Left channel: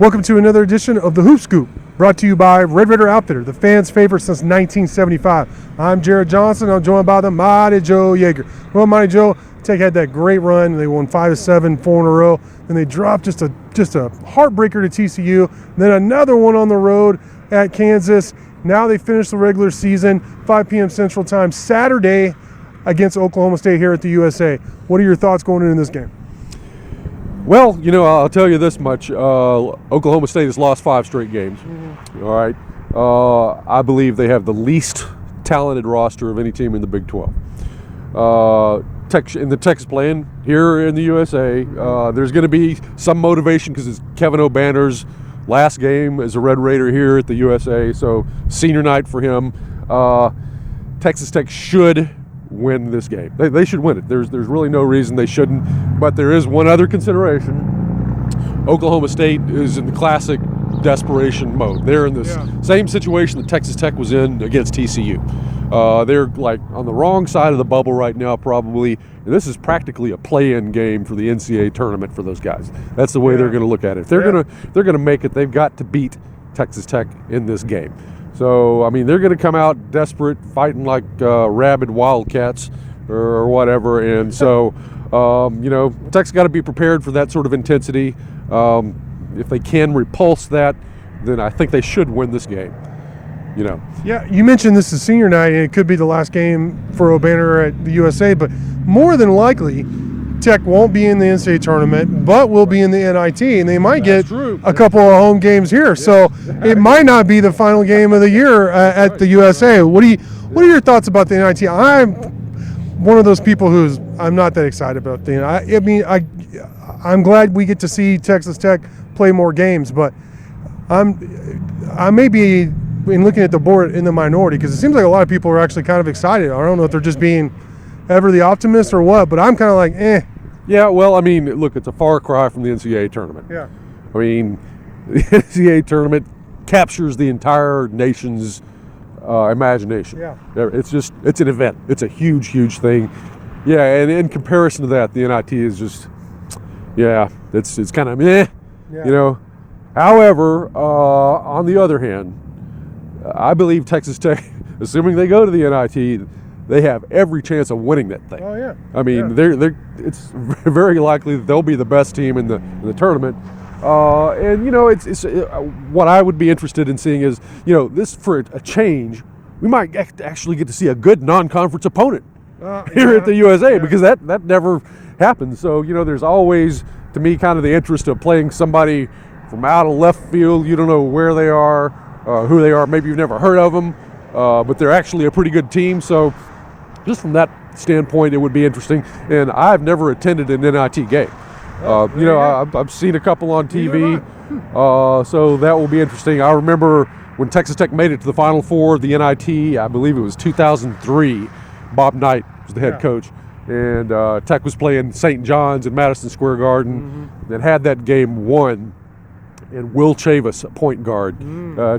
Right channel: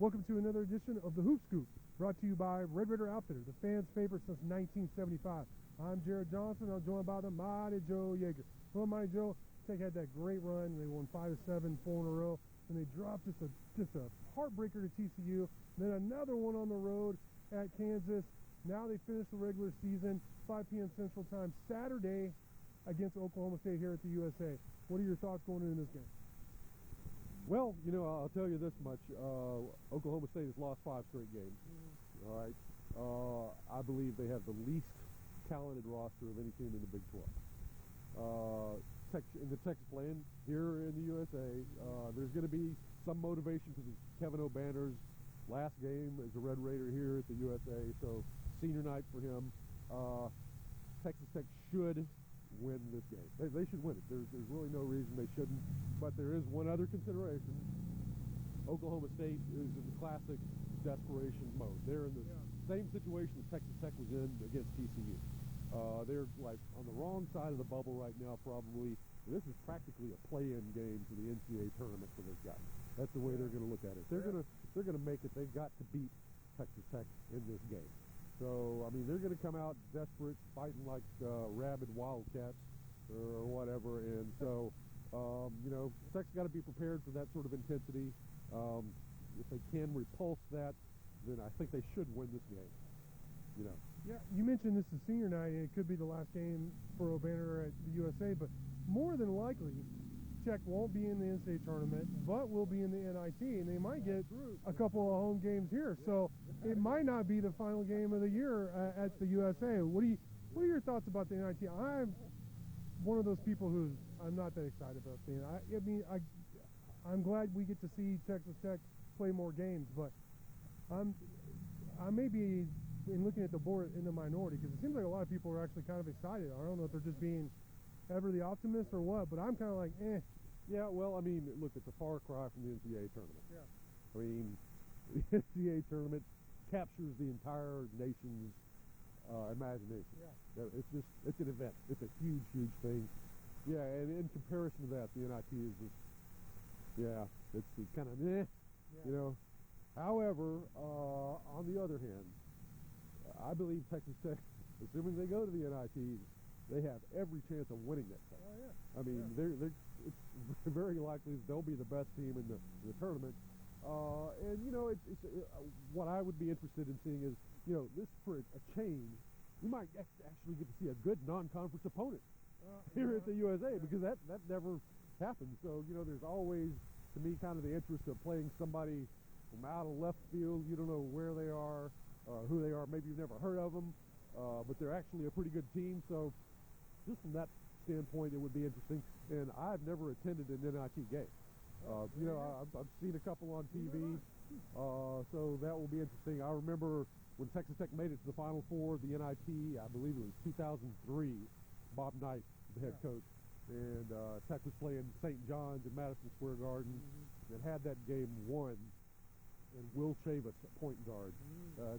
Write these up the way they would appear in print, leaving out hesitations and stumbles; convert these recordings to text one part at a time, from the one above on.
Welcome to another edition of the Hoop Scoop, brought to you by Red Raider Outfitter, the fans' favorite since 1975. I'm Jared Johnson. I'm joined by the Mighty Joe Yeager. Well, Mighty Joe, Tech had that great run. They won 5-7, 4 in a row. Then they dropped just a heartbreaker to TCU. Then another one on the road at Kansas. Now they finished the regular season, 5 p.m. Central Time, Saturday against Oklahoma State here at the USA. What are your thoughts going into this game? Well, I'll tell you this much. Oklahoma State has lost 5 straight games. Mm-hmm. All right. I believe they have the least talented roster of any team in the Big 12. The Texas playing here in the USA. There's going to be some motivation because it's Kevin O'Banner's last game as a Red Raider here at the USA. So senior night for him. Texas Tech should win this game. They should win it. There's really no reason they shouldn't. But there is one other consideration. Oklahoma State is in the classic desperation mode. They're in this same situation that Texas Tech was in against TCU. They're like on the wrong side of the bubble right now, probably. And this is practically a play-in game for the NCAA tournament for those guys. That's the way they're going to look at it. If they're going to make it, they've got to beat Texas Tech in this game. So, they're going to come out desperate, fighting like rabid wildcats or whatever. And so, Tech's got to be prepared for that sort of intensity. If they can repulse that, then I think they should win this game. Yeah, you mentioned this is senior night, and it could be the last game for O'Banner at the USA, but more than likely, Tech won't be in the NCAA tournament, but will be in the NIT, and they might get a couple of home games here. Yeah. So it might not be the final game of the year at the USA. What are your thoughts about the NIT? I'm one of those people I'm not that excited about the NIT. I'm glad we get to see Texas Tech play more games, but I may be, in looking at the board, in the minority, because it seems like a lot of people are actually kind of excited. I don't know if they're just being ever the optimist or what, but I'm kind of like, eh. Yeah, well, look, it's a far cry from the NCAA tournament. Yeah. The NCAA tournament captures the entire nation's imagination. Yeah. It's an event. It's a huge, huge thing. Yeah, and in comparison to that, the NIT is just, it's kind of meh, However, on the other hand, I believe Texas Tech, assuming they go to the NIT, they have every chance of winning that thing. Oh yeah. It's very likely that they'll be the best team in the tournament. It's what I would be interested in seeing is, this for a change, we might actually get to see a good non-conference opponent here at the USA because that never happens. So there's always, to me, kind of the interest of playing somebody from out of left field. You don't know where they are, who they are. Maybe you've never heard of them, but they're actually a pretty good team. So just from that standpoint, it would be interesting. And I've never attended an NIT game. I've seen a couple on TV, so that will be interesting. I remember when Texas Tech made it to the Final Four of the NIT, I believe it was 2003. Bob Knight was the head coach. And Tech was playing St. John's in Madison Square Garden and had that game won. And Will Chavis, a point guard.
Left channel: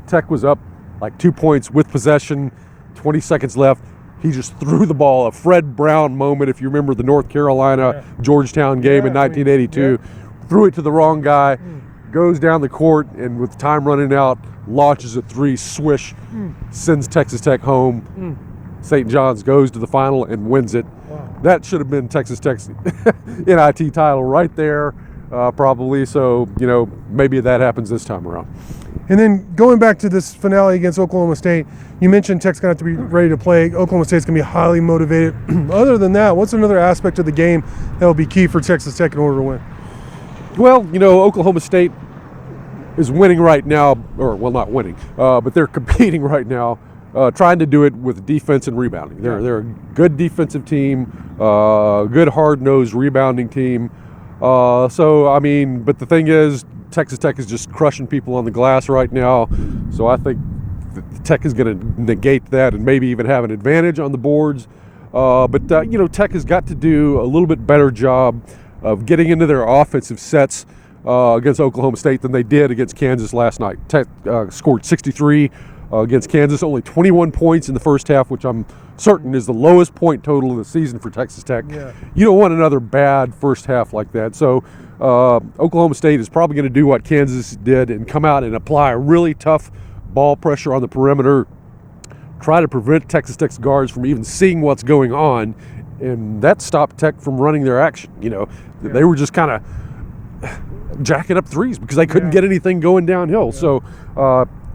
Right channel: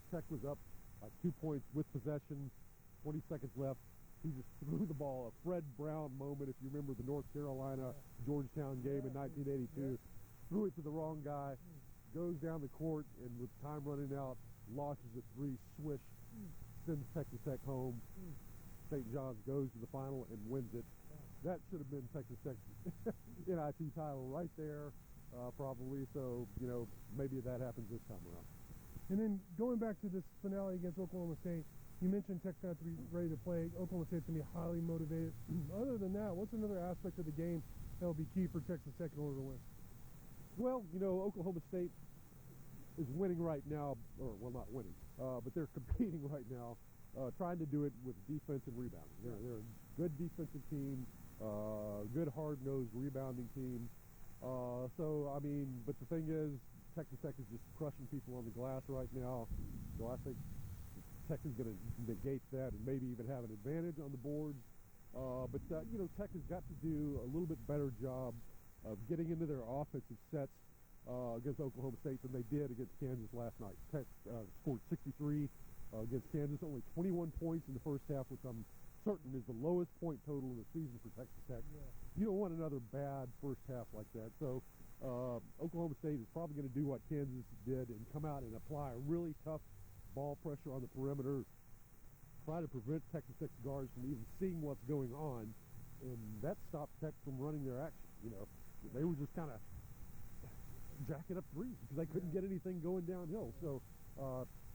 Tech was up like 2 points with possession, 20 seconds left. He just threw the ball, a Fred Brown moment, if you remember the North Carolina Georgetown game in 1982. Threw it to the wrong guy, goes down the court, and with time running out, launches a 3, swish, sends Texas Tech home. St. John's goes to the final and wins it. Wow. That should have been Texas Tech's NIT title right there, probably. So, maybe that happens this time around. And then going back to this finale against Oklahoma State, you mentioned Tech's going to have to be ready to play. Oklahoma State's going to be highly motivated. Other than that, what's another aspect of the game that will be key for Texas Tech in order to win? Well, Oklahoma State is winning right now, not winning, but they're competing right now, trying to do it with defense and rebounding. They're a good defensive team, good hard-nosed rebounding team. But the thing is, Texas Tech is just crushing people on the glass right now, so I think Tech is going to negate that and maybe even have an advantage on the boards. Tech has got to do a little bit better job of getting into their offensive sets against Oklahoma State than they did against Kansas last night. Tech scored 63 against Kansas, only 21 points in the first half, which I'm certain is the lowest point total of the season for Texas Tech. Yeah. You don't want another bad first half like that. So Oklahoma State is probably going to do what Kansas did and come out and apply a really tough ball pressure on the perimeter, try to prevent Texas Tech's guards from even seeing what's going on, and that stopped Tech from running their action. They were just kind of jacking up threes because they couldn't get anything going downhill. So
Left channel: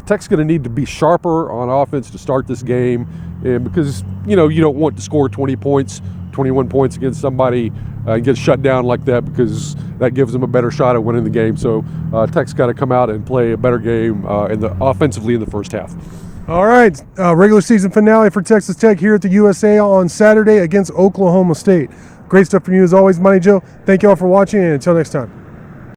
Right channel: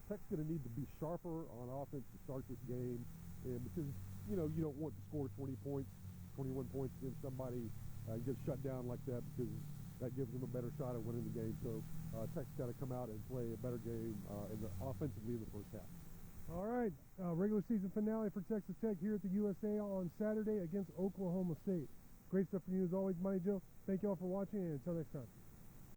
Tech's going to need to be sharper on offense to start this game, and because you don't want to score 20 points, 21 points against somebody and get shut down like that, because that gives them a better shot at winning the game. So Tech's got to come out and play a better game offensively in the first half. All right, regular season finale for Texas Tech here at the USA on Saturday against Oklahoma State. Great stuff from you as always, Money Joe. Thank you all for watching, and until next time.